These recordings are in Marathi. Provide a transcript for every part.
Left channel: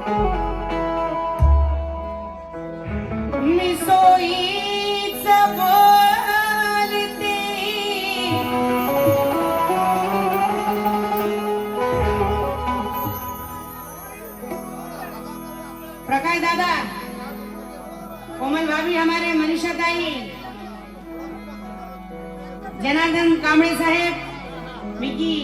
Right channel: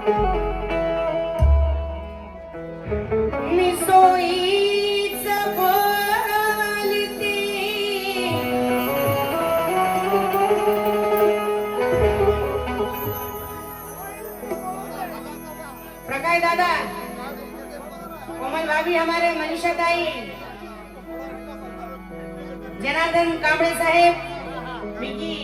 मी सोयीच बोलते प्रकाश दादा, कोमल भाभी, हमारे मनीषा ताई, जनार्दन कांबळे साहेब, विकी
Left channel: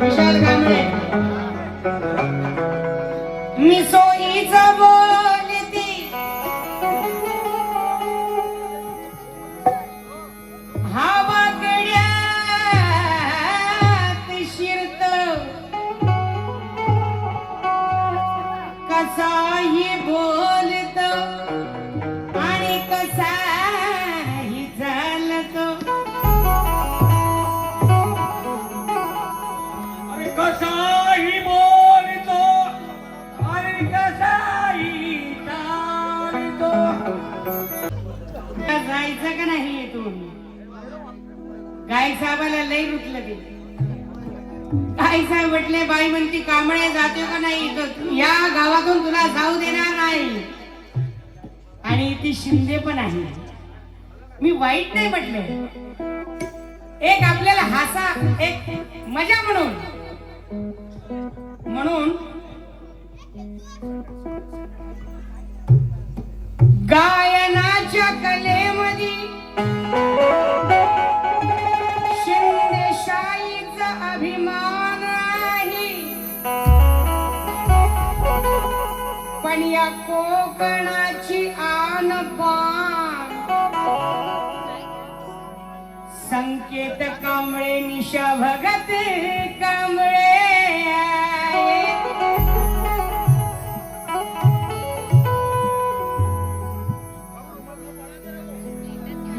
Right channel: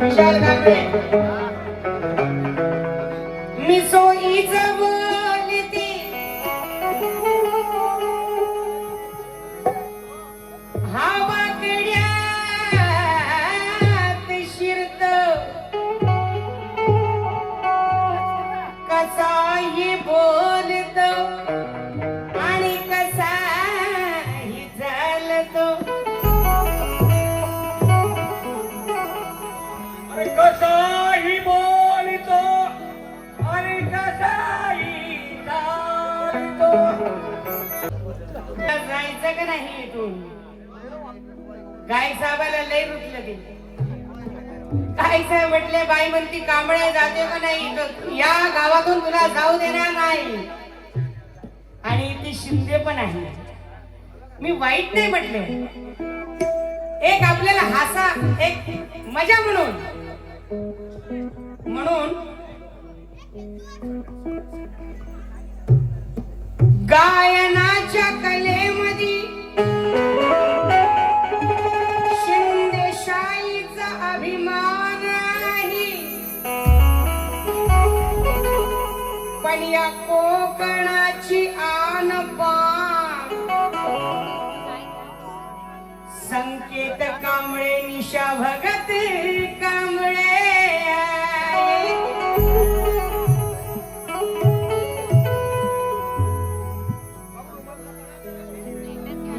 विशाल कांबळे, मी सोयीच बोलते हवाकड्यात शिरत कसाही बोलत आणि कसाही चालत, कसाही बोलतो आणि कसाही चालतो. जायचं का नाही इथून? गाय साहेबाला लय रुटलं ते. गाय साहेब म्हटले, बाई म्हणती कांबळे जातो का नाही, या गावातून तुला जाऊ देणार नाही. आणि ती शिंदे पण आहे. मी वाईट नाही म्हटले, एक आपल्याला हासा, एक मजा म्हणून गायनाच्या कलेमध्ये शिंदेशाहीचा अभिमान आहे. पण या कोकणाची आन बाण संकेत कांबळे, निशा भगत कांबळे.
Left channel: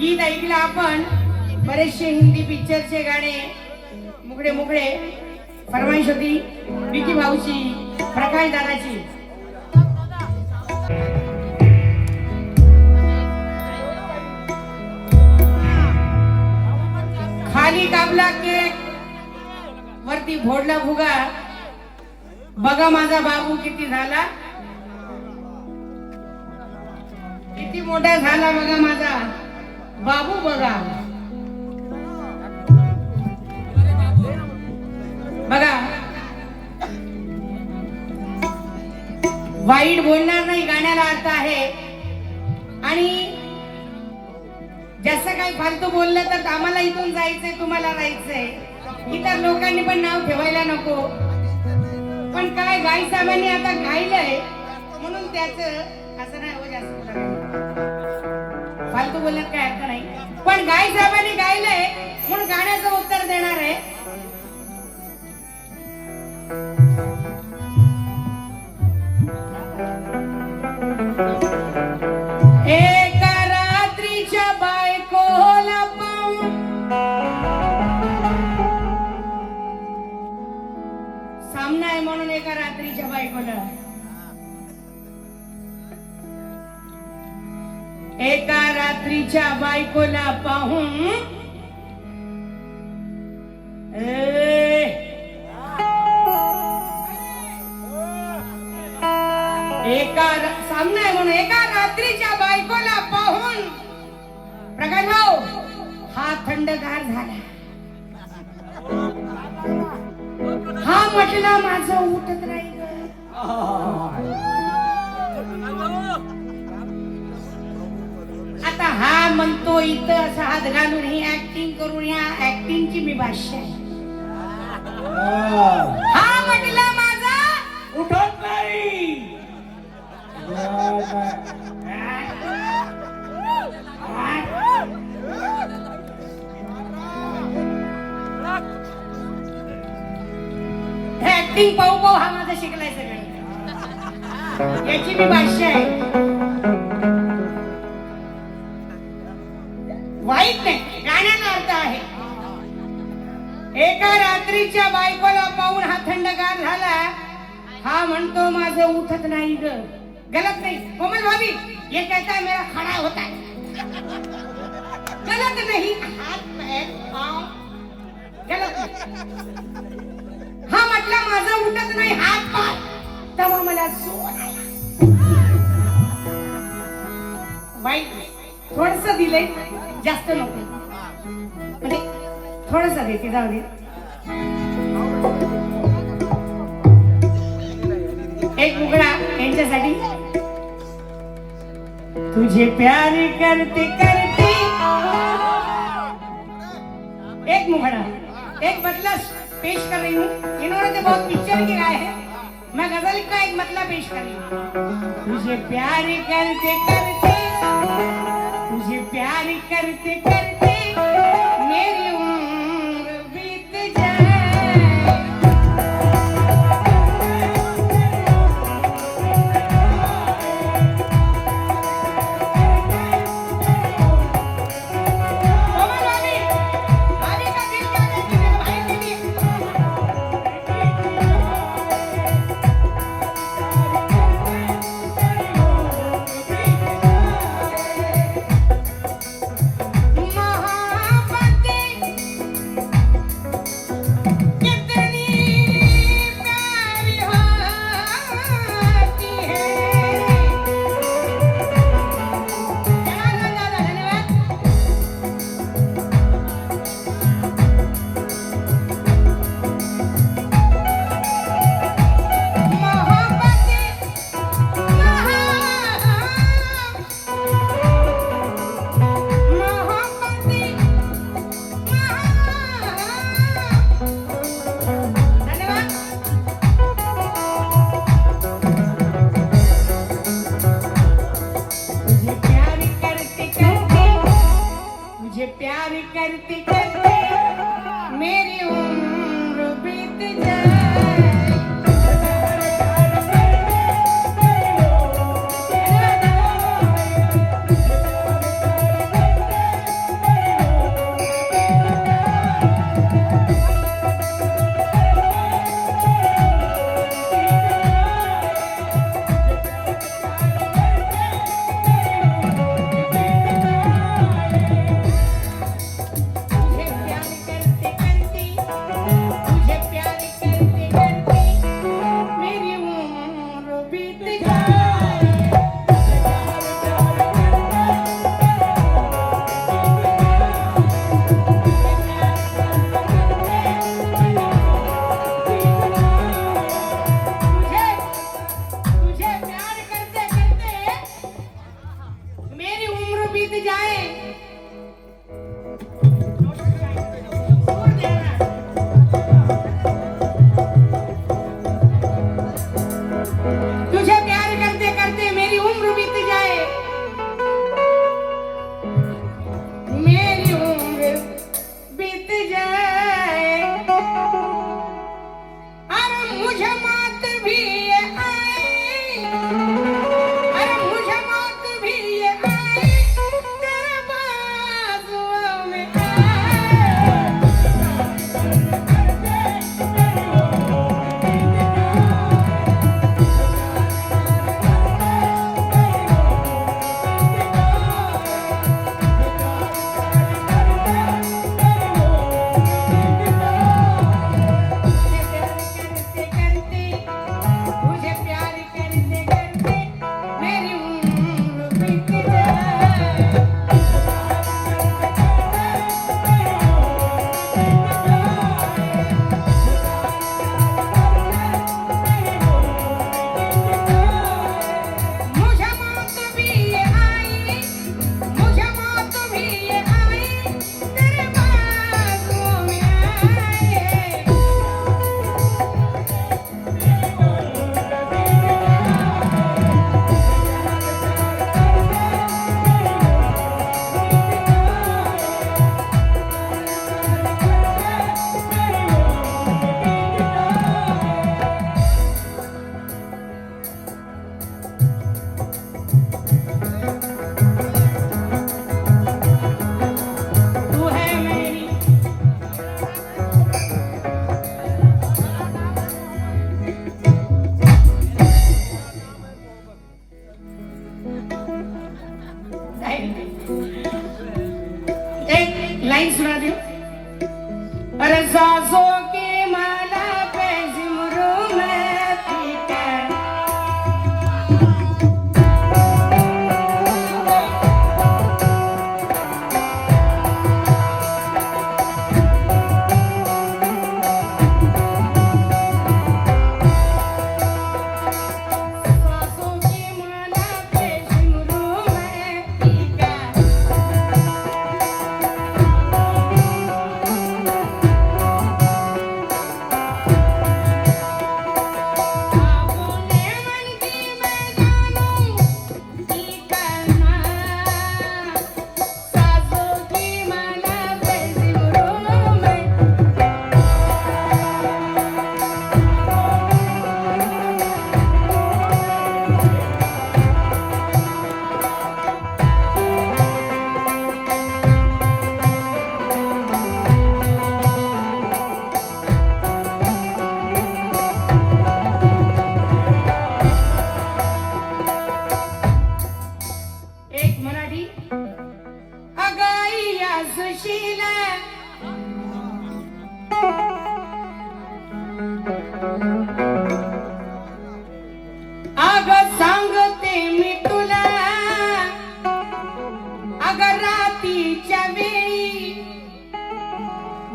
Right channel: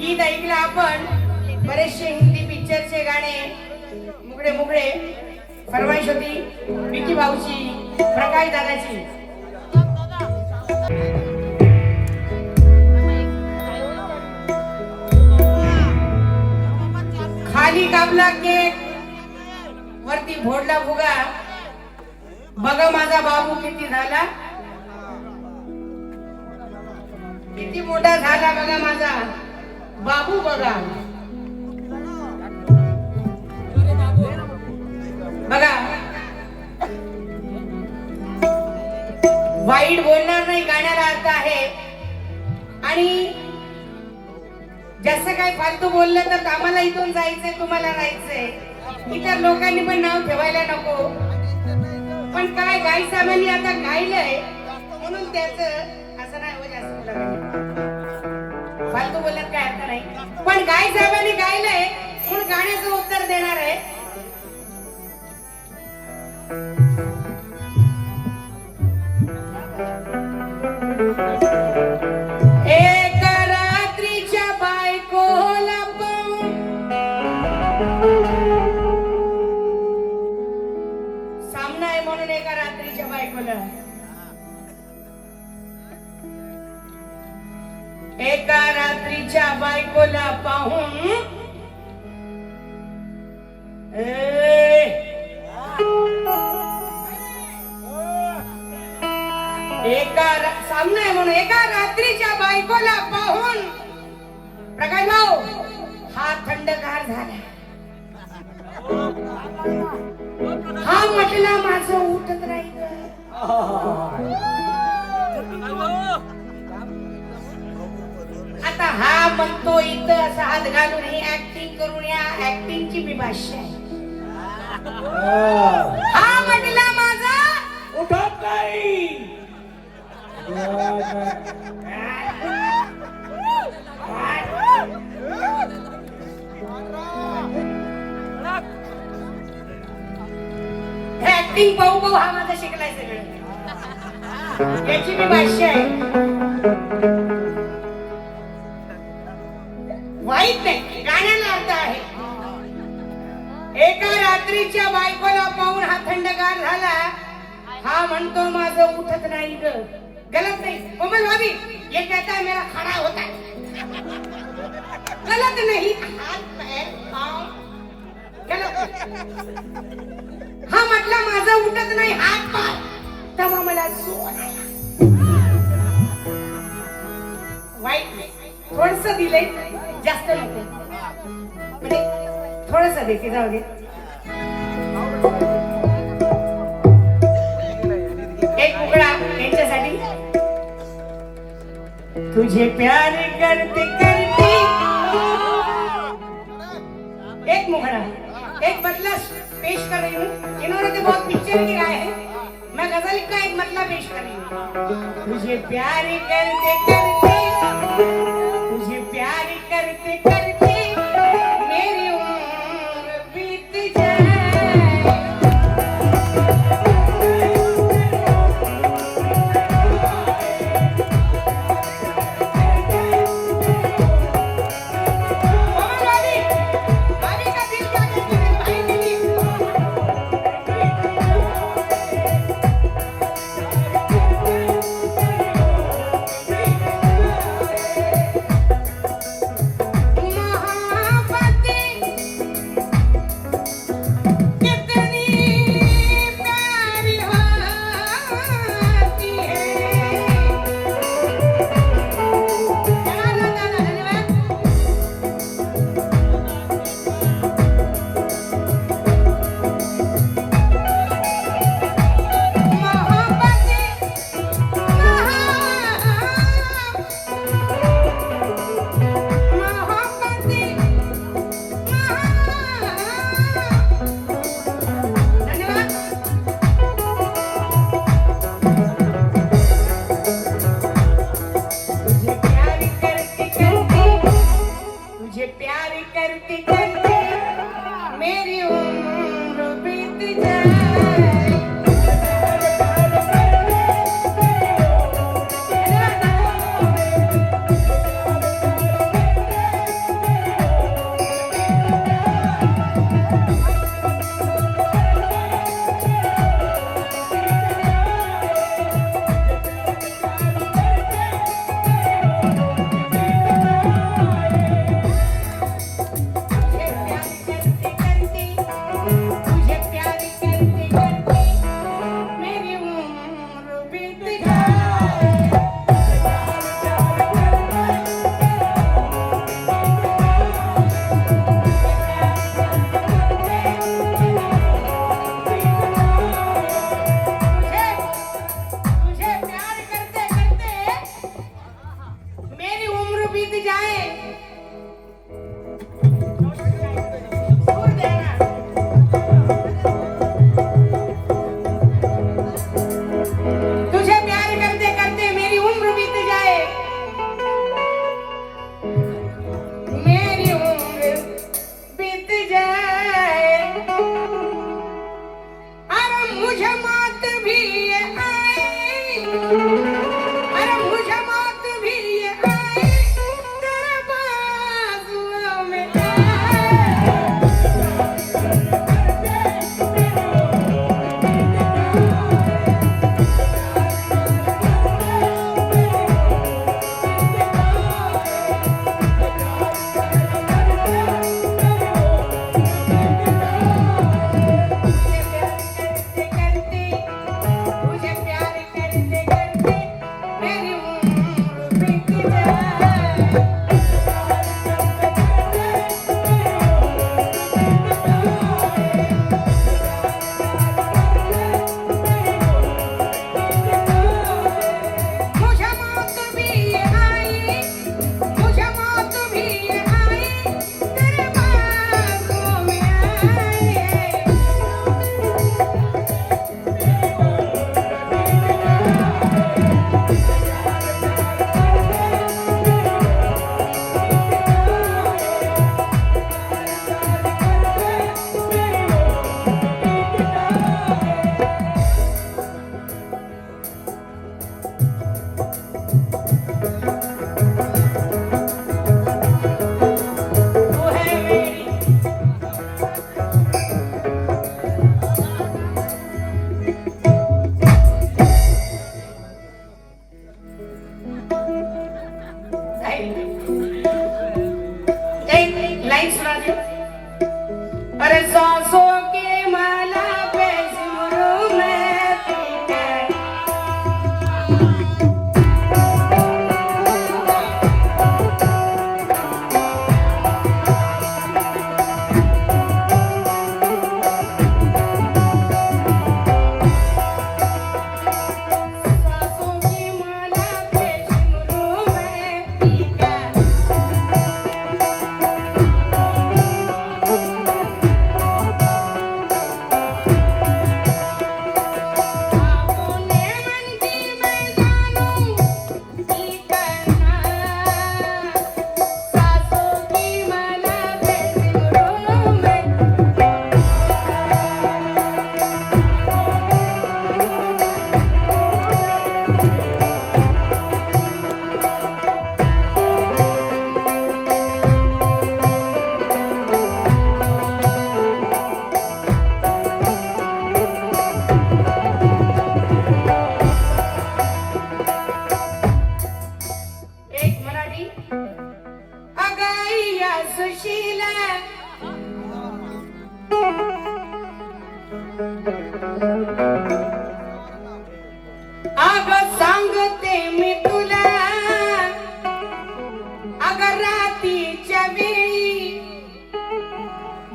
गीत ऐकलं आपण, बरेचसे हिंदी पिक्चरचे गाणे, मुगडे मुगडे फरमाईश होती विकी भाऊची, प्रकाश दादाची. खाली कापला केक, वरती फोडला फुगा, बघा माझा बाबू किती झाला, किती मोठा झाला बघा माझा बाबू. बघा बघा, वाईट बोलणार नाही, गाण्याला अर्थ आहे. आणि जास्त काही फालतू बोलले तर आम्हाला इथून जायचंय, तुम्हाला राहायचंय. इतर लोकांनी पण नाव ठेवायला नको. पण काय गाई साहेबांनी आता गायलंय म्हणून त्याचं असं नाही म्हणजे फालतू बोलण्यात काय अर्थ नाही. पण गाई साहेबांनी गायलंय म्हणून गाण्याचं उत्तर देणार आहे. एक रात्रीच्या बायकोला सामना आहे म्हणून एका रात्रीच्या बायकोला, एका रात्रीच्या बायकोला पाहून सामना आहे म्हणून एका रात्रीच्या बायकोला पाहून प्रकाश भाऊ हा थंडगार झाला. हा म्हटला माझं उठत नाही. आता हा म्हणतो इथं असा हात घालून ही ऍक्टिंग करून, या ऍक्टिंगची मी भाषा आहे. हा म्हटला माझा उठत नाही. ऍक्टिंग पाहू पाहू हा माझा शिकलाय सगळं, याची मी भाषा आहे. वाईट नाही, गाण्याला अर्थ आहे. एका रात्रीच्या बायकोला पाहून हा थंडगार झाला. हा म्हणतो माझं उठत नाही ग. गलत नाही कोमल भाभी, ये कहता है मेरा खड़ा होता है. गलत नहीं, हाथ पैर पाँव गलत हा म्हटलं माझं उठत नाही हात पाय, तेव्हा मला सोन आला. वाईट नाही, थोडस दिलंय, जास्त नको, म्हणजे थोडस देते, जाऊ दे. एक मुकडा यांच्यासाठी. तुझे प्यार करते करते, एक मुखड़ा, एक बदला पेश कर रही हूँ. इन्होंने तो बहुत पिक्चर किया है, मैं गजल का एक बदला पेश कर रही हूँ. तुझे प्यार करते करते, तुझे प्यार करते करते मेरी उम्र बीत जाए.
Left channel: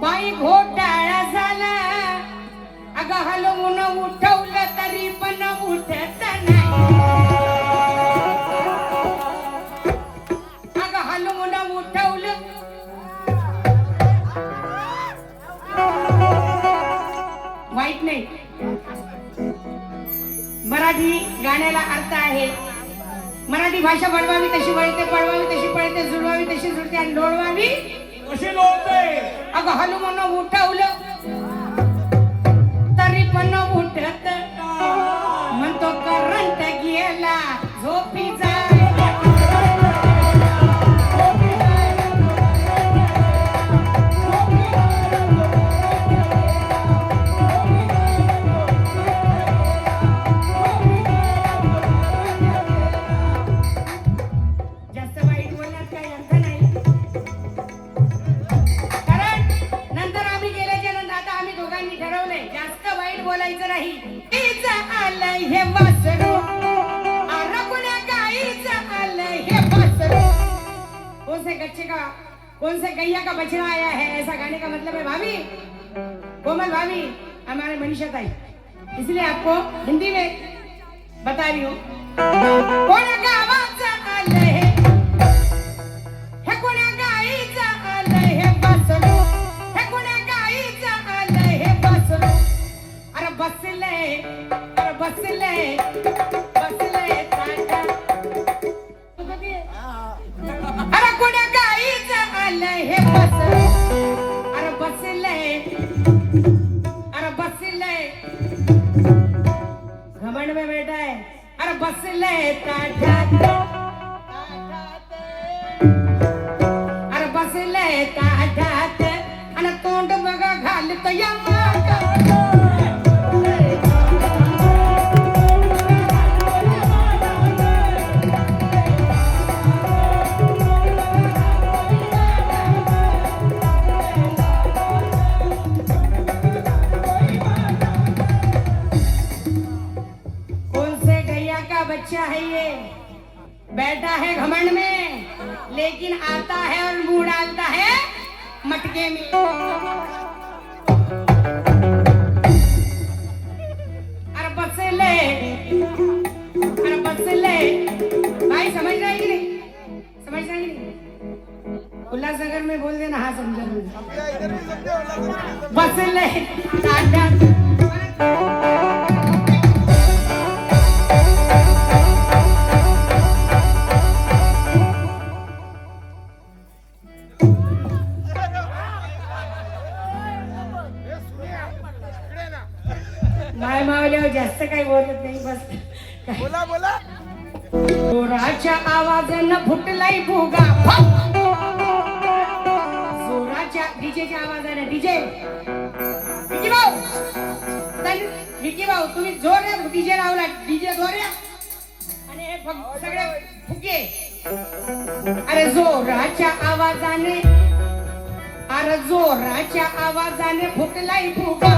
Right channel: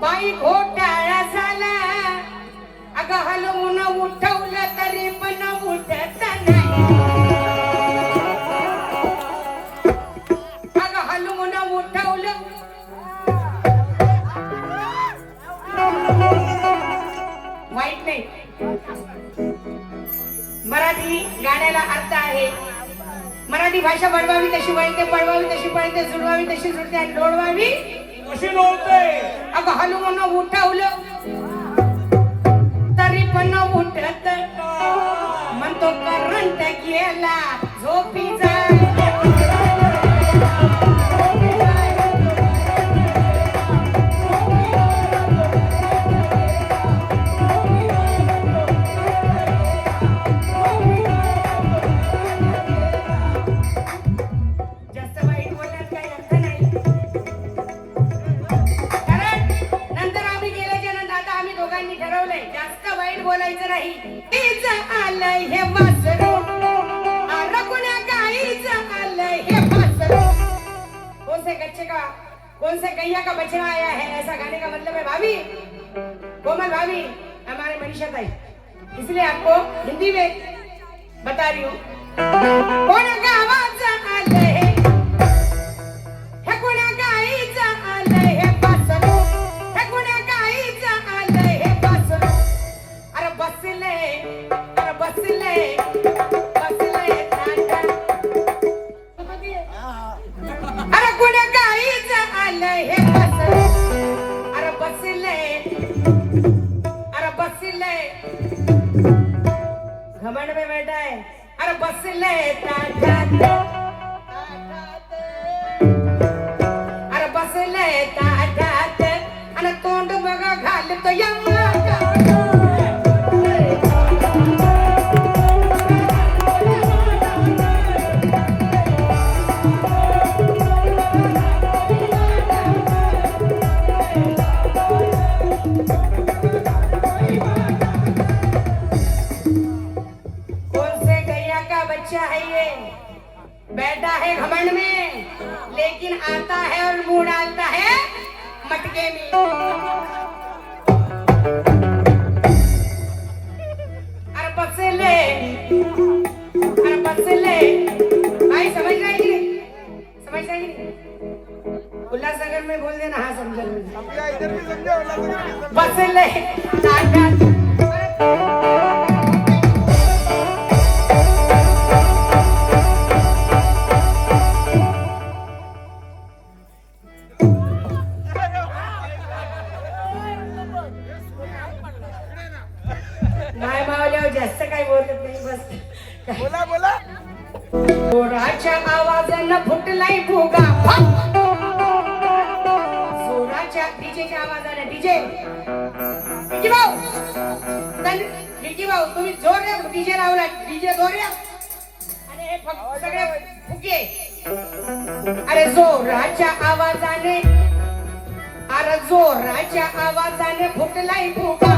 बाई घोटाळा झाला अगं हलवून उठवलं तरी पण उठत नाही अगं हलवून उठवलं वाईट नाही मराठी गाण्याला अर्थ आहे मराठी भाषा वळवावी तशी वळते पळवावी तशी पळते जुळवावी तशी जुळते आणि डोळवावी कशी बोलते अगं हलवून उठवलं तरी पण उठत म्हणतो करंट गेला झोपी कौन से गैया का बछड़ा आया है ऐसा गाने का मतलब है भाभी कोमल भाभी हमारे मनीषा ताई इसलिए आपको हिंदी में बता रही हूँ कोणाका आवाज आले हे कोणाका आईचा आले हे बसलो हे कोणाका आईचा आले हे बसलो अरे बसले अरे कोणाका आईचा आले हे बसलो अरे बसले घमंड में बैठा है अरे बसले अरे बसले अरे तोंड बघा घालतो यम्मा बच्चा है ये बैठा है घमंड में लेकिन आता है और मुंह डालता है मटके में अरे बसले भाई समझ रहा है उल्लासनगर में बोल देना हाँ समझ बसले माय मावल्यावर जास्त काही बोलत नाही बस जोराच्या आवाजानं फुटलाय भोगा जोराच्या डीजेच्या आवाजाने डीजे भाऊ तुम्ही जोर द्या डीजे लावला डीजे जोर द्या आणि हे सगळे फुगे अरे जोराच्या आवाजाने फुटलाय भोगा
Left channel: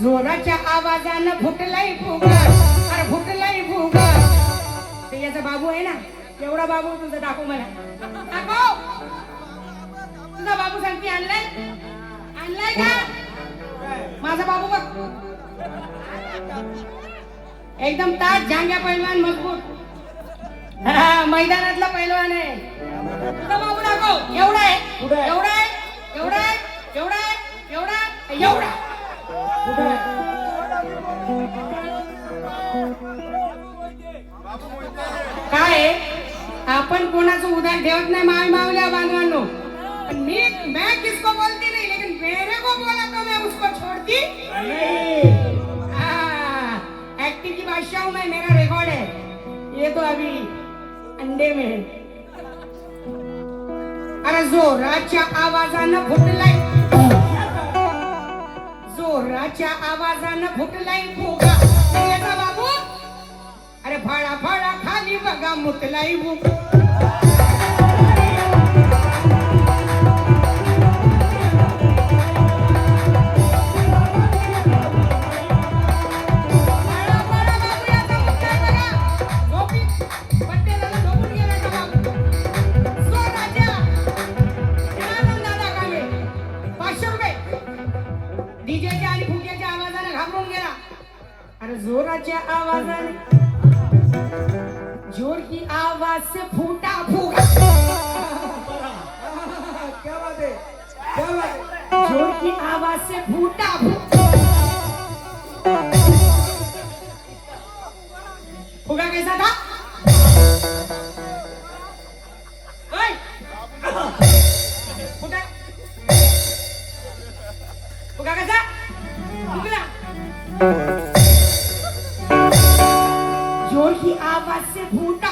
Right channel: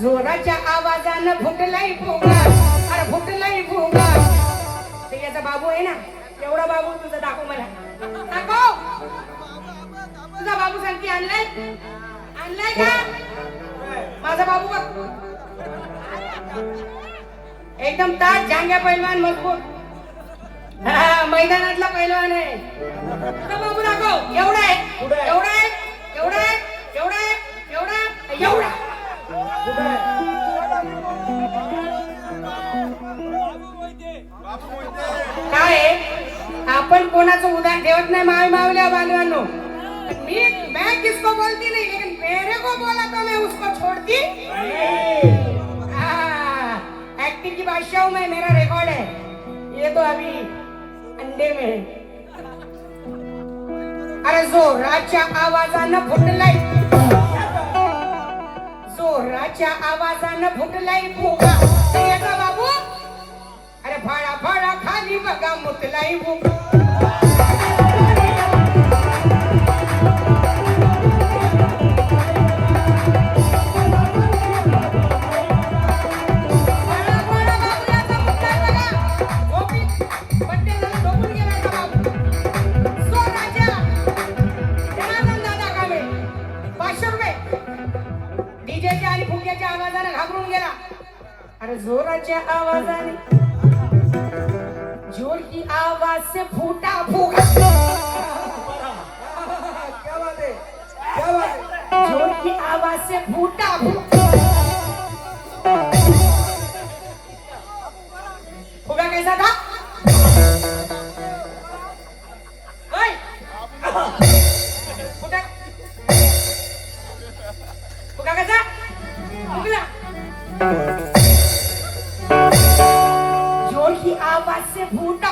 जोराच्या आवाजाने फुटलाय फुगा अरे फुटलाय फुगा ते याचा बाबू आहे ना एवढा बाबू तुझा दाखव मला दाखव तुझा बाबू सांगते आणलाय का माझा बाबू बघ एकदम ताट जांग्या पैलवान मजबूत मैदानातला पैलवान आहे तुझा बाबू दाखव एवढा आहे काय आपण कोणाचं उदाहरण ठेवत नाही माय मावल्या बांधवांनो मैं किसको बोलती नहीं लेकिन मेरे को बोला तो मैं उसको छोड़ती एक्टिंग की बादशाह हूं मैं मेरा रिकॉर्ड है ये तो अभी अंडे में है अरे जोराच्या आवाजानं फुटलाय भुका बाबू अरे फाळा खाली बघा मुतलाई भूक से फूटा फूका क्या बात है, क्या बात है. जोर की आवाज से फूटा फूका फूका कैसा था ओए! फूका फूका कैसा फूकला जोर की आवाज से फूटा